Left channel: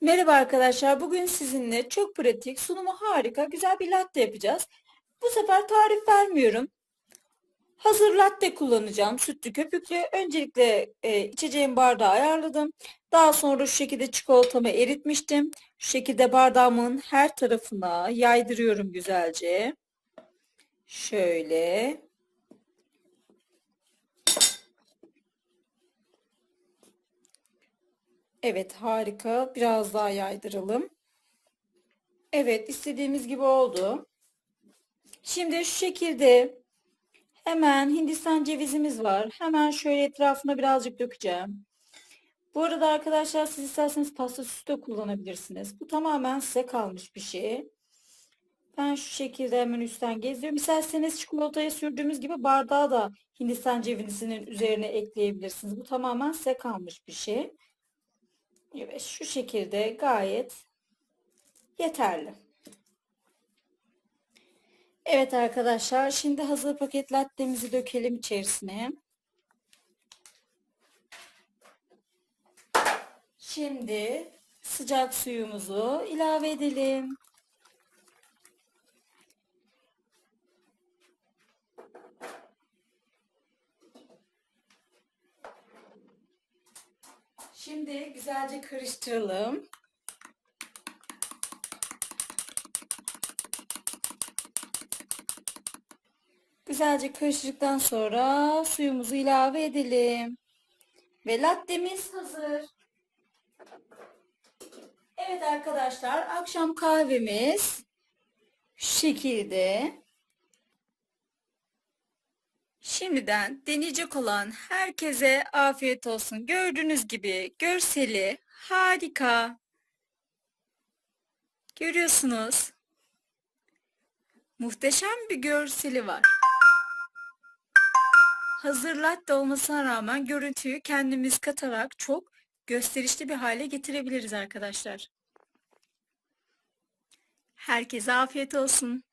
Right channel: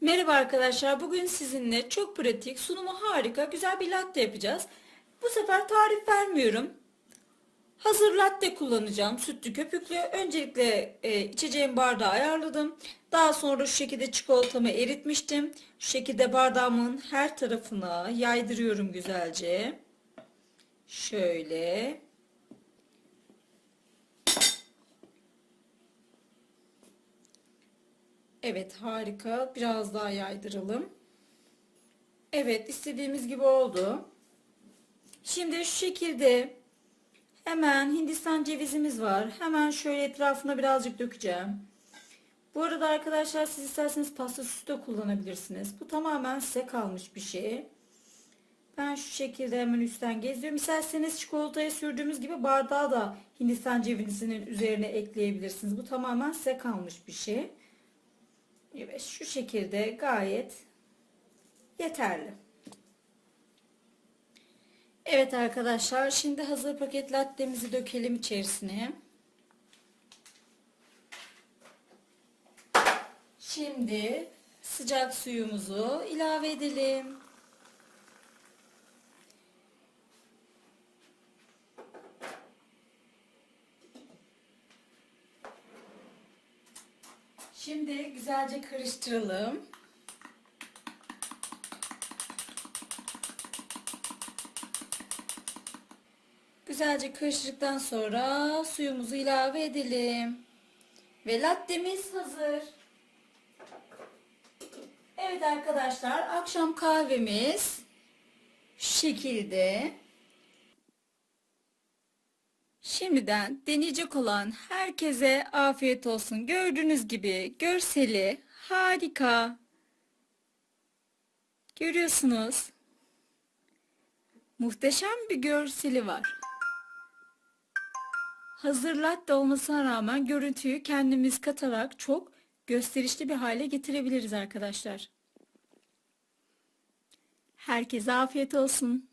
Merhaba arkadaşlar. Bugün sizinle çok pratik, sunumu harika, güzel bir latte yapacağız. Bu sefer tarif vermiyorum. Hazır latte kullanacağım. Sütlü köpüklü. Öncelikle e, içeceğim bardağı ayarladım. Daha sonra şu şekilde çikolatamı eritmiştim. Şu şekilde bardağımın her tarafına yaydırıyorum güzelce. Şöyle. Evet harika. Biraz daha yaydıralım. Evet istediğimiz gibi oldu. Şimdi şu şekilde hemen Hindistan cevizimiz var. Hemen şöyle etrafına birazcık dökeceğim. Bu arada arkadaşlar siz isterseniz pasta süsü de kullanabilirsiniz. Bu tamamen size kalmış bir şey. Ben şu şekilde hemen üstten geziyorum. İsterseniz çikolataya sürdüğümüz gibi bardağı da Hindistan cevizinin üzerine ekleyebilirsiniz. Bu tamamen size kalmış bir şey. Evet şu şekilde gayet yeterli. Evet arkadaşlar şimdi hazır paket lattemizi dökelim içerisine. Şimdi sıcak suyumuzu ilave edelim. Şimdi güzelce karıştıralım. Güzelce karıştırdıktan sonra suyumuzu ilave edelim. Ve lattemiz hazır. Evet arkadaşlar akşam kahvemiz şu şekilde. Şimdiden deneyecek olan herkese afiyet olsun. Gördüğünüz gibi görseli harika. Görüyorsunuz. Muhteşem bir görseli var. Hazır latte olmasına rağmen görüntüyü kendimiz katarak çok gösterişli bir hale getirebiliriz arkadaşlar. Herkese afiyet olsun.